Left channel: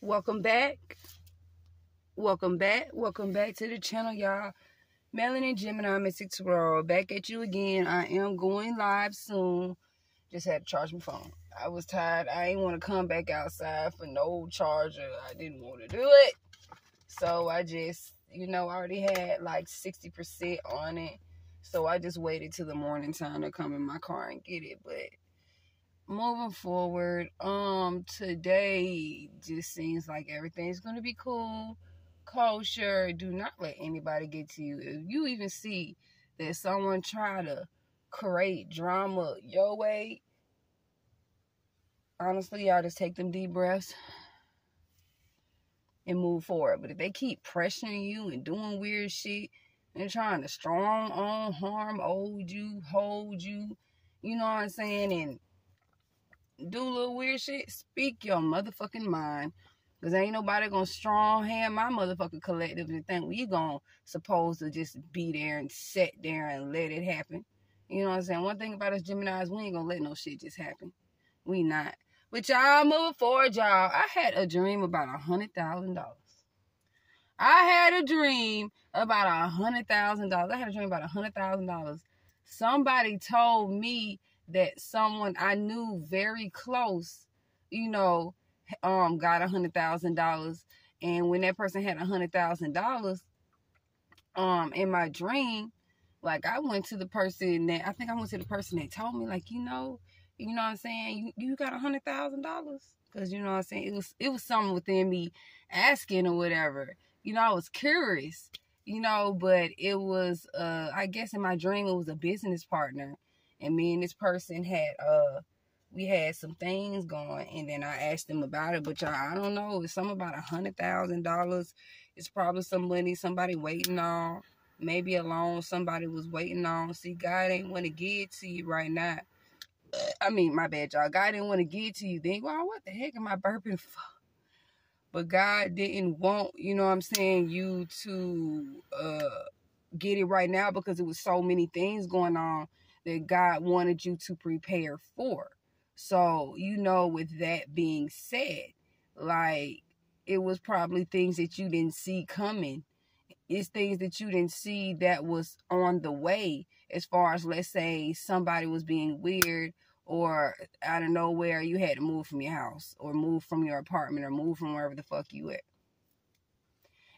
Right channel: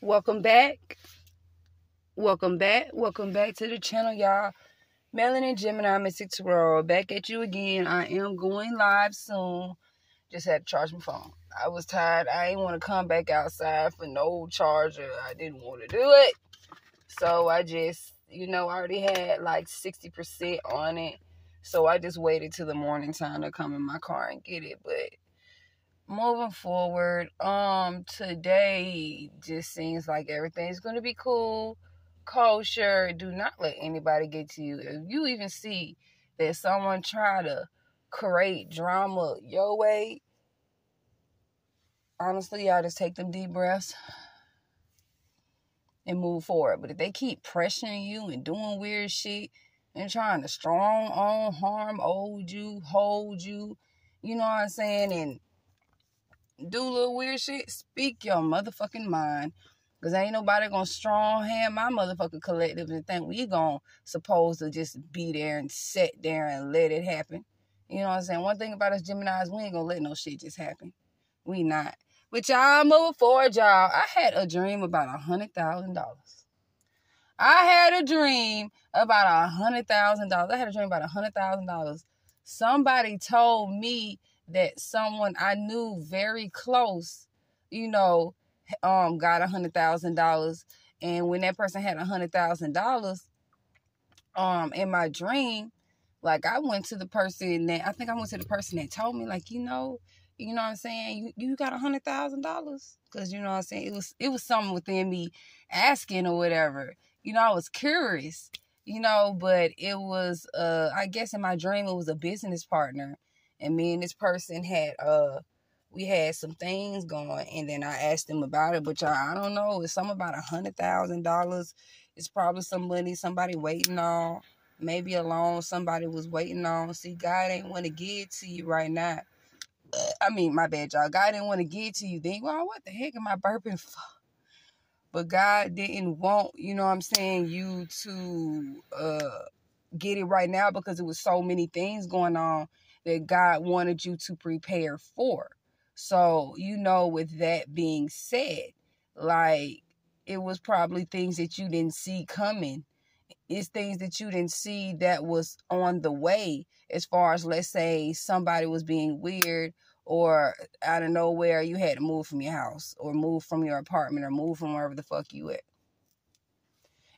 Welcome back. Welcome back. Welcome back to the channel, y'all. Melanie Gemini Mystic Tarot. Back at you again. I am going live soon. Just had to charge my phone. I was tired. I didn't want to come back outside for no charger. I didn't want to do it. So I just, I already had like 60% on it. So I just waited till the morning time to come in my car and get it. But moving forward, today just seems like everything's gonna be cool, kosher. Do not let anybody get to you. If you even see that someone try to create drama your way, honestly, y'all just take them deep breaths and move forward. But if they keep pressuring you and doing weird shit and trying to strong on harm, hold you, you know what I'm saying, and do little weird shit, speak your motherfucking mind. Because ain't nobody gonna strong hand my motherfucking collective and think we gonna supposed to just be there and sit there and let it happen. You know what I'm saying? One thing about us Geminis, we ain't gonna let no shit just happen. We not. But y'all moving forward, y'all. I had a dream about $100,000. I had a dream about $100,000. I had a dream about $100,000. Somebody told me that someone I knew very close, got $100,000. And when that person had $100,000, in my dream, like I went to the person that told me, like, you know what I'm saying? You got $100,000? Because you know what I'm saying? It was something within me asking or whatever. I was curious, but it was, I guess in my dream, it was a business partner. And me and this person we had some things going. And then I asked them about it. But y'all, I don't know. It's something about $100,000. It's probably some money somebody waiting on. Maybe a loan somebody was waiting on. See, God ain't want to give it to you right now. I mean, my bad, y'all. God didn't want to give it to you. Then, well, what the heck am I burping for? But God didn't want, you to get it right now because it was so many things going on that God wanted you to prepare for. So, with that being said, like, it was probably things that you didn't see coming. It's things that you didn't see that was on the way, as far as, let's say, somebody was being weird, or out of nowhere you had to move from your house or move from your apartment or move from wherever the fuck you at.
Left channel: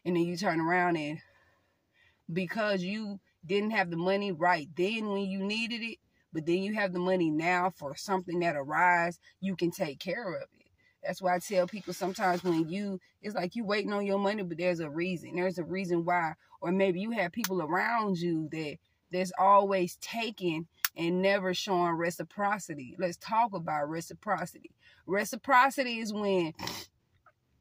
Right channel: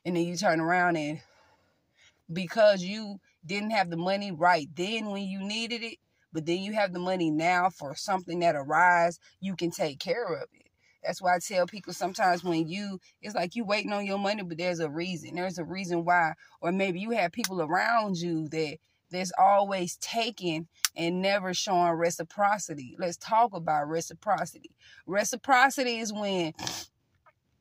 And then you turn around and because you didn't have the money right then when you needed it, but then you have the money now for something that arises, you can take care of it. That's why I tell people sometimes it's like you waiting on your money, but there's a reason. There's a reason why. Or maybe you have people around you that's always taking and never showing reciprocity. Let's talk about reciprocity. Reciprocity is when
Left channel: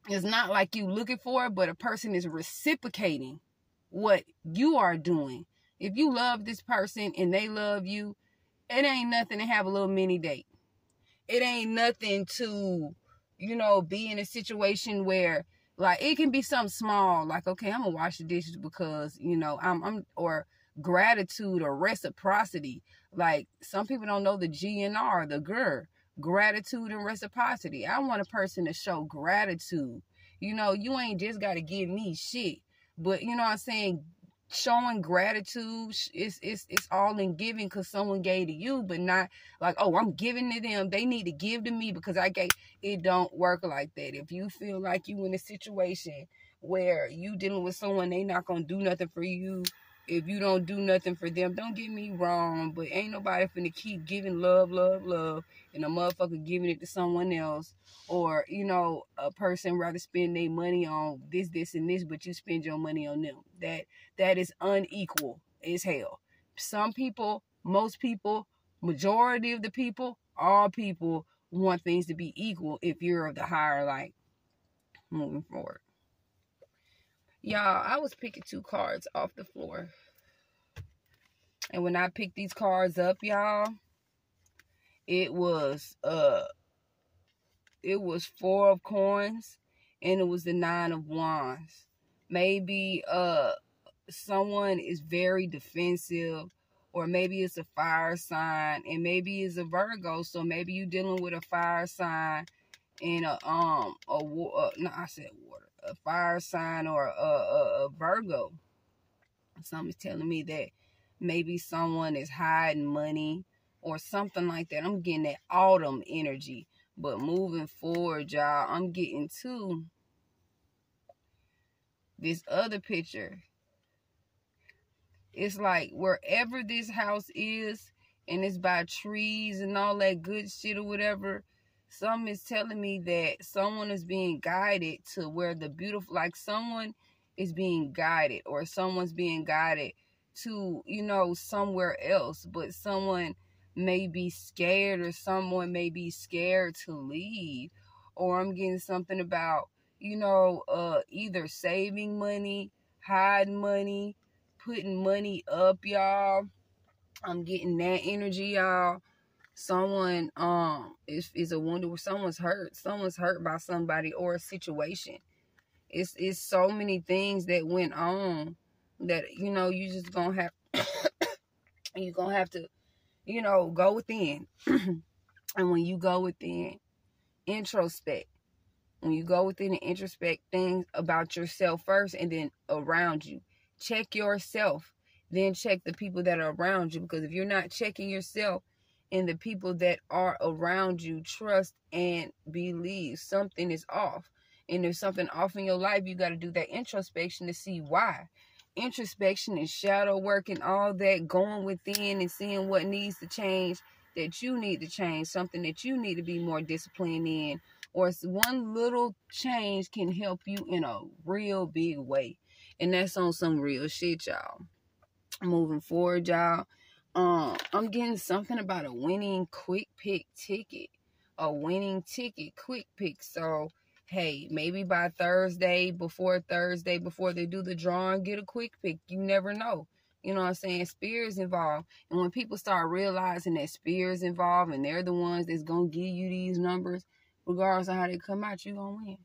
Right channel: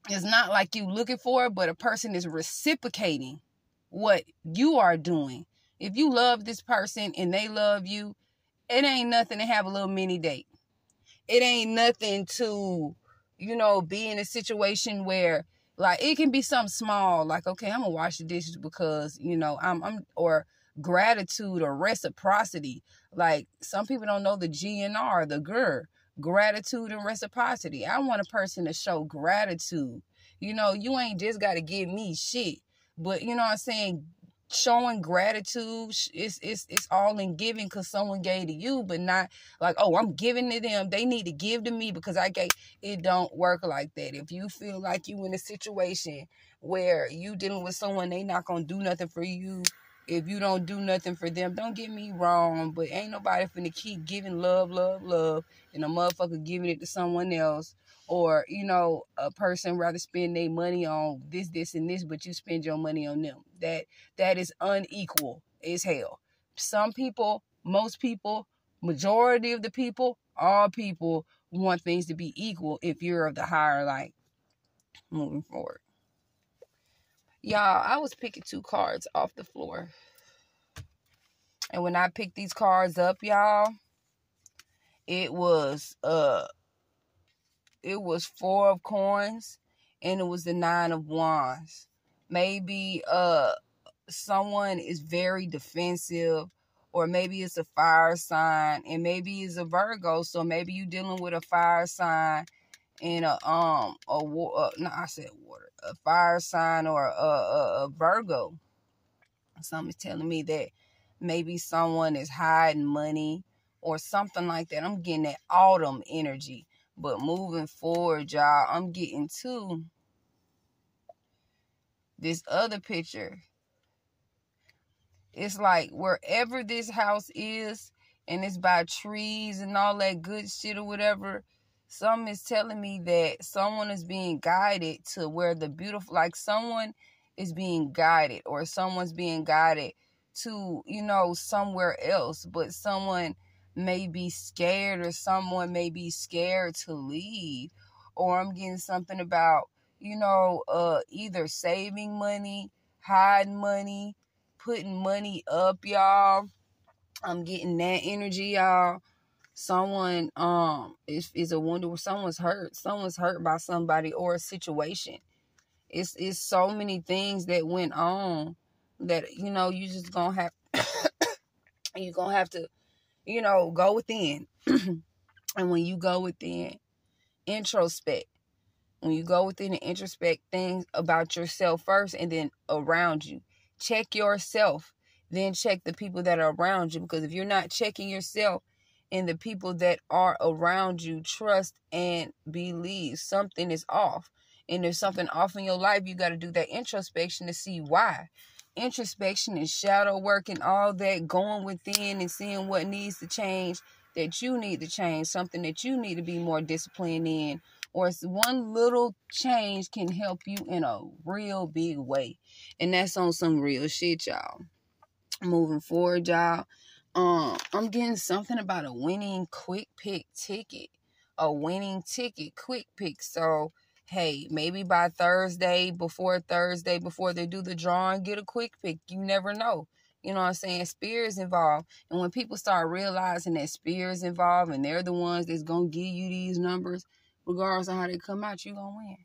it's not like you looking for it, but a person is reciprocating what you are doing. If you love this person and they love you, it ain't nothing to have a little mini date. It ain't nothing to, be in a situation where, like, it can be something small, like, okay, I'm gonna wash the dishes because, or gratitude or reciprocity. Like, some people don't know the GNR, the GER, gratitude and reciprocity. I want a person to show gratitude. You ain't just got to give me shit, but you know what I'm saying? Showing gratitude, it's all in giving because someone gave to you, but not like, oh, I'm giving to them. They need to give to me because I gave. It don't work like that. If you feel like you in a situation where you dealing with someone, they not gonna do nothing for you. If you don't do nothing for them, don't get me wrong, but ain't nobody finna keep giving love, and a motherfucker giving it to someone else. Or, a person rather spend their money on this, and this, but you spend your money on them. That is unequal as hell. Some people, most people, majority of the people, all people want things to be equal if you're of the higher light. Moving forward. Y'all, I was picking 2 cards off the floor. And when I picked these cards up, y'all, it was 4 of coins and it was the 9 of wands. Maybe someone is very defensive, or maybe it's a fire sign, and maybe it's a Virgo, so maybe you dealing with a fire sign in a no, I said water, a fire sign or a Virgo. Something's telling me that maybe someone is hiding money or something like that. I'm getting that autumn energy. But moving forward, y'all, I'm getting to this other picture. It's like wherever this house is, and it's by trees and all that good shit or whatever, something is telling me that someone is being guided to where the beautiful, like someone is being guided, or someone's being guided to, you know, somewhere else, but someone may be scared, or someone may be scared to leave. Or I'm getting something about, you know, either saving money, hiding money, putting money up, y'all. I'm getting that energy, y'all. Someone is a wonder where someone's hurt by somebody or a situation. It's so many things that went on that, you know, you just gonna have you're gonna have to, you know, go within. And when you go within, introspect. When you go within and introspect things about yourself first, and then around you. Check yourself, then check the people that are around you. Because if you're not checking yourself and the people that are around you, trust and believe something is off. And if something off in your life, you got to do that introspection to see why. Introspection is shadow work and all that, going within and seeing what needs to change, that you need to change, something that you need to be more disciplined in. Or one little change can help you in a real big way. And that's on some real shit, y'all. Moving forward, y'all. I'm getting something about a winning quick pick ticket. A winning ticket, quick pick. So, hey, maybe by Thursday, before they do the drawing, get a quick pick. You never know. You know what I'm saying? Spirit's involved. And when people start realizing that spirit's involved and they're the ones that's going to give you these numbers, regardless of how they come out, you going to win.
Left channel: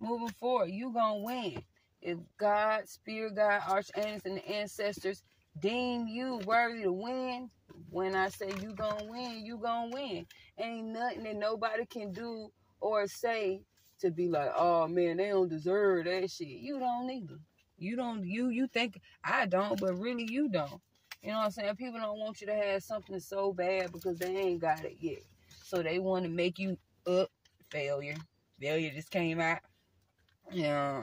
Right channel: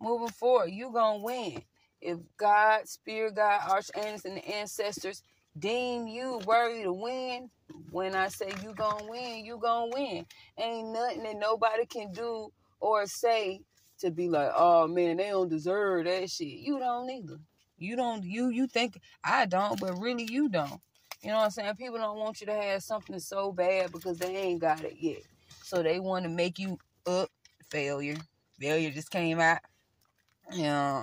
Moving forward, you going to win. If God, Spirit, God, archangels, and the ancestors deem you worthy to win, when I say you going to win, you going to win. Ain't nothing that nobody can do or say to be like, oh, man, they don't deserve that shit. You don't either. You don't, you think I don't, but really you don't. You know what I'm saying? People don't want you to have something so bad because they ain't got it yet. So they want to make you failure. Failure just came out. Yeah.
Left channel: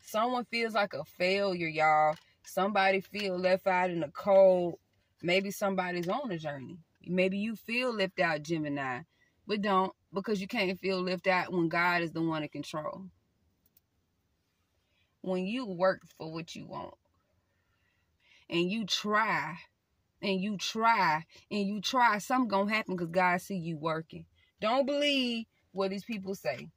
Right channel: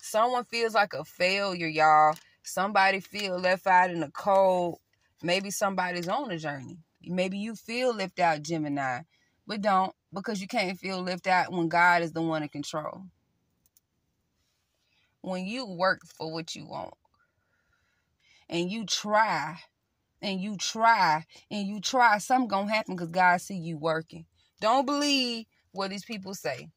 Someone feels like a failure, y'all. Somebody feel left out in the cold. Maybe somebody's on a journey. Maybe you feel left out, Gemini. But don't, because you can't feel left out when God is the one in control. When you work for what you want, and you try, something gonna happen because God see you working. Don't believe what these people say.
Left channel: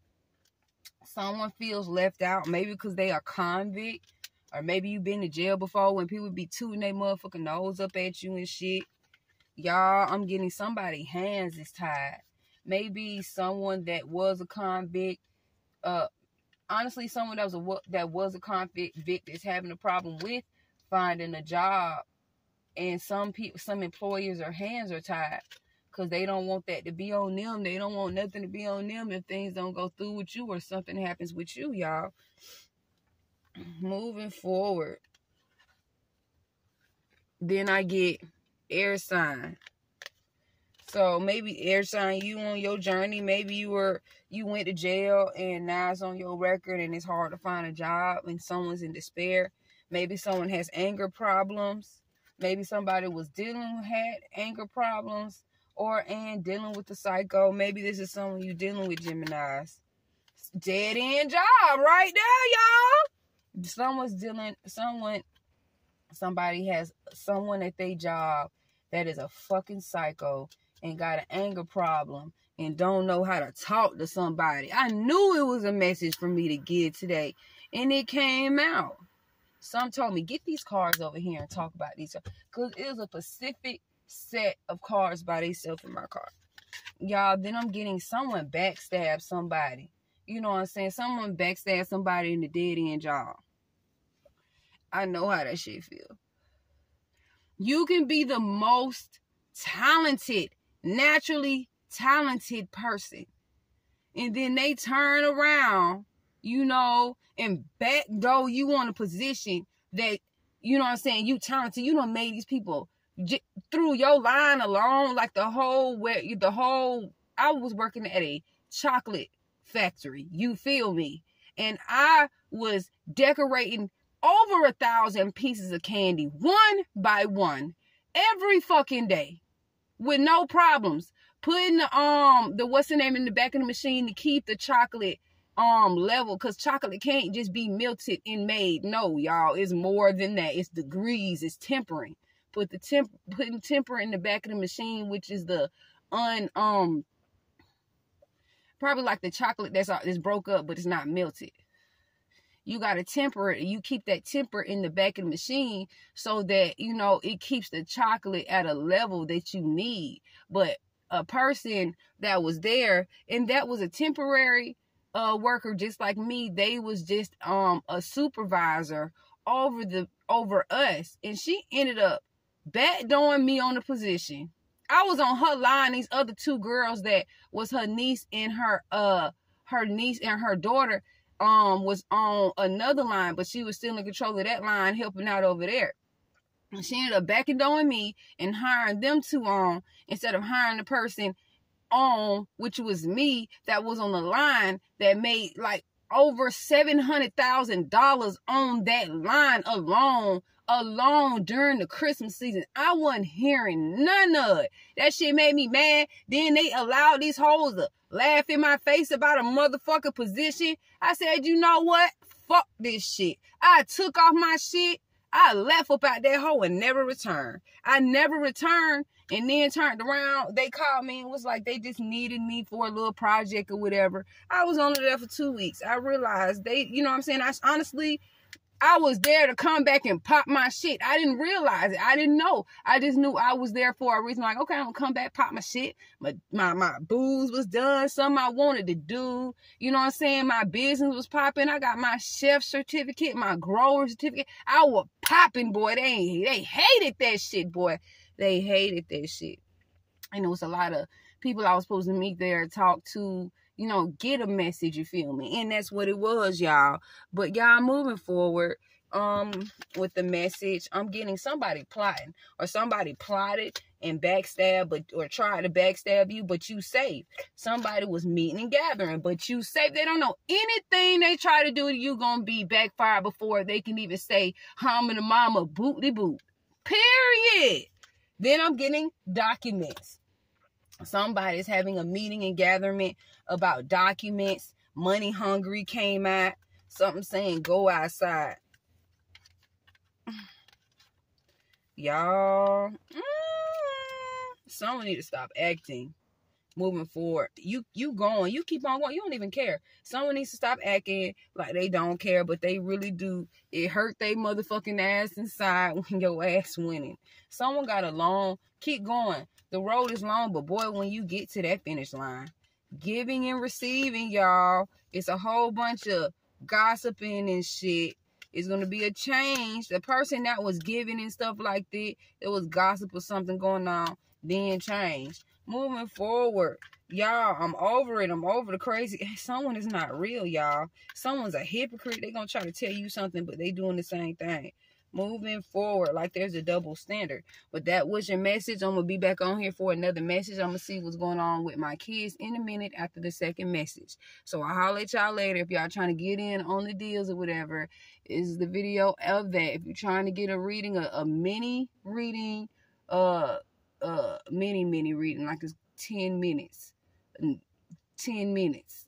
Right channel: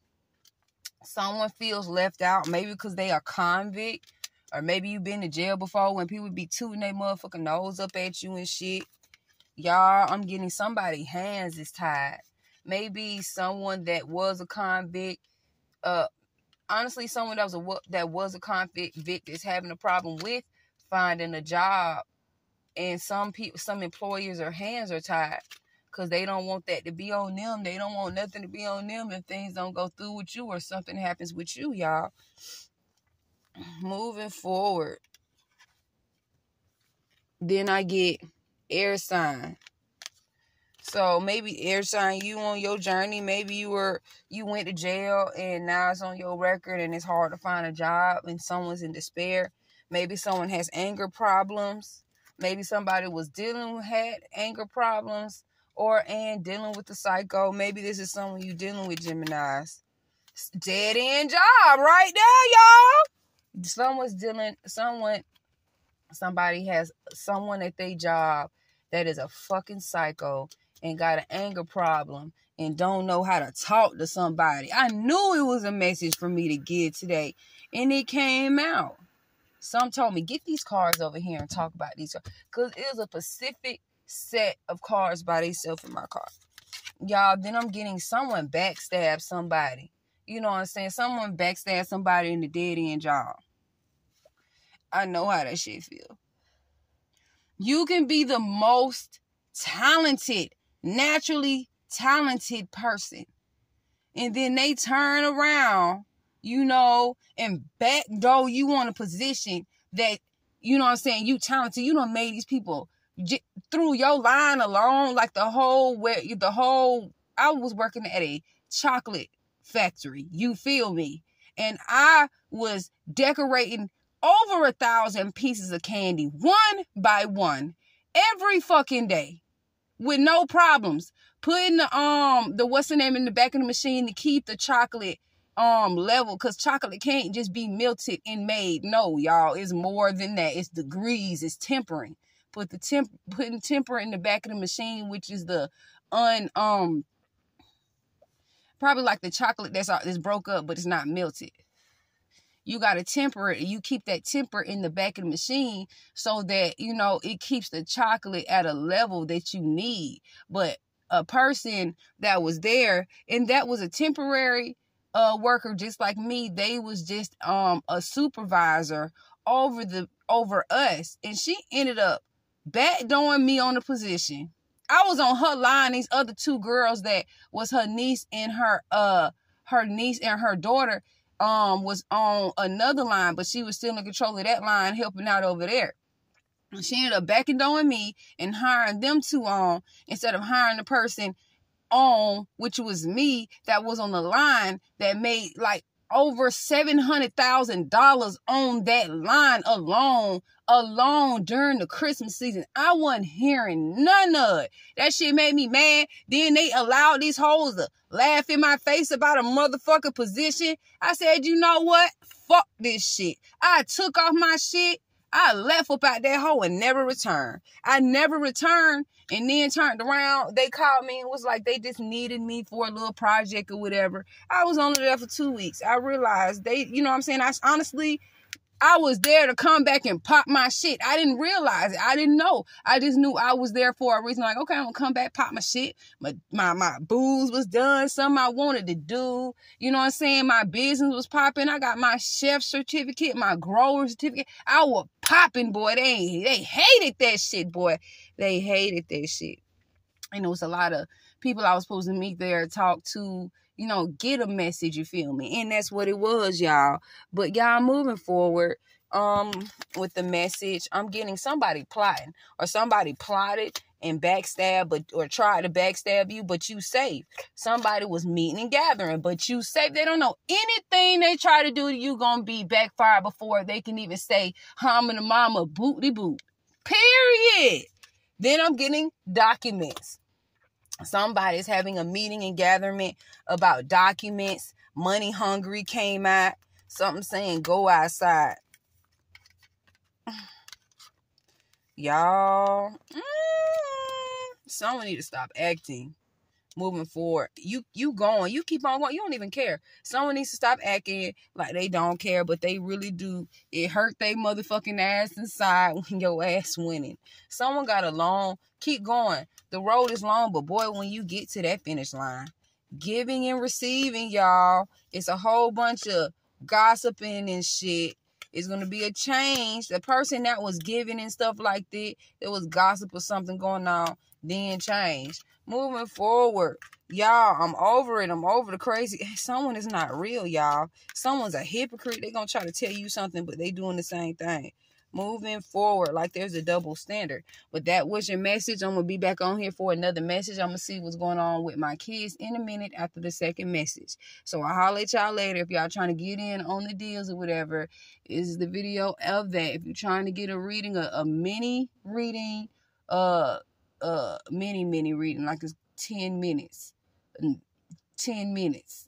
Someone feels left out, maybe because they are convict, or maybe you've been to jail before when people be tooting their motherfucking nose up at you and shit. Y'all, I'm getting somebody's hands is tied. Maybe someone that was a convict, honestly, someone that was a convict is having a problem with finding a job, and some employers' hands are tied because they don't want that to be on them. They don't want nothing to be on them if things don't go through with you or something happens with you, y'all. Moving forward, then I get air sign. So maybe air sign, you on your journey. Maybe you went to jail and now it's on your record and it's hard to find a job and someone's in despair. Maybe someone has anger problems. Maybe somebody had anger problems and dealing with the psycho. Maybe this is someone you dealing with, Geminis. Dead end job right there, y'all. Somebody has someone at their job that is a fucking psycho and got an anger problem and don't know how to talk to somebody. I knew it was a message for me to get today, and it came out. Some told me, get these cards over here and talk about these. Because it was a specific set of cards by themselves in my card. Y'all, then I'm getting someone backstab somebody. You know what I'm saying? Someone backstab somebody in the dead end job. I know how that shit feel. You can be the most talented, naturally talented person. and then they turn around, you know, and backdoor you on a position that, you know what I'm saying, you talented, you done made these people through your line alone, like I was working at a chocolate factory, you feel me? And I was decorating over 1,000 pieces of candy, one by one, every fucking day, with no problems. Putting the what's the name in the back of the machine to keep the chocolate level, because chocolate can't just be melted and made. No, y'all, it's more than that. It's degrees, it's tempering. Putting temper in the back of the machine, which is the probably like the chocolate that's broke up, but it's not melted. You got to temper it. You keep that temper in the back of the machine so that, you know, it keeps the chocolate at a level that you need. But a person that was there, and that was a temporary worker just like me, they was just a supervisor over us, and she ended up backdooring me on the position. I was on her line. These other two girls that was her niece and her daughter was on another line, but she was still in control of that line, helping out over there. And she ended up backdooring me and hiring them two on instead of hiring the person on, which was me, that was on the line that made like over $700,000 on that line alone during the Christmas season. I wasn't hearing none of it. That shit made me mad. Then they allowed these hoes to laugh in my face about a motherfucking position. I said, you know what? Fuck this shit. I took off my shit. I left up out that hole and never returned. I never returned, and then turned around. They called me and was like they just needed me for a little project or whatever. I was only there for 2 weeks. I realized they, you know what I'm saying? I was there to come back and pop my shit. I didn't realize it. I didn't know. I just knew I was there for a reason. Like, okay, I'm gonna come back, pop my shit. My booze was done. Something I wanted to do. You know what I'm saying? My business was popping. I got my chef certificate, my grower certificate. I was popping, boy. They hated that shit, boy. They hated that shit. And there was a lot of people I was supposed to meet there, talk to, you know, get a message, you feel me? And that's what it was, y'all. But y'all, moving forward with the message, I'm getting somebody plotting, or somebody plotted and backstabbed, or tried to backstab you, but you safe. Somebody was meeting and gathering, but you safe. They don't know anything they try to do to you gonna be backfired before they can even say hum and mama boot-de boot. Period. Then I'm getting documents. Somebody's having a meeting and gathering about documents. Money hungry came out. Something saying go outside. Y'all, someone need to stop acting. Moving forward, you going, you keep on going, you don't even care. Someone needs to stop acting like they don't care, but they really do. It hurt they motherfucking ass inside when your ass winning. Someone got a long, keep going. The road is long, but boy, when you get to that finish line, giving and receiving, y'all, it's a whole bunch of gossiping and shit. It's going to be a change. The person that was giving and stuff like that, there was gossip or something going on, then change. Moving forward, y'all, I'm over it. I'm over the crazy. Someone is not real, y'all. Someone's a hypocrite. They're going to try to tell you something, but they doing the same thing. Moving forward, like there's a double standard. But that was your message. I'm going to be back on here for another message. I'm going to see what's going on with my kids in a minute after the second message. So I'll holler at y'all later. If y'all trying to get in on the deals or whatever, is the video of that. If you're trying to get a reading, a mini reading, mini reading, like it's 10 minutes. 10 minutes.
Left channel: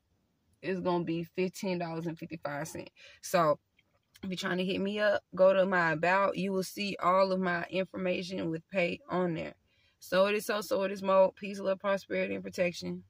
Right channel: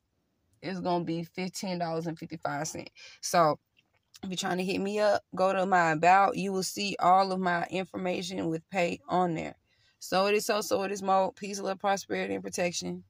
It's going to be $15.55. So if you're trying to hit me up, go to my about. You will see all of my information with pay on there. So it is so it is more. Peace, love, prosperity, and protection.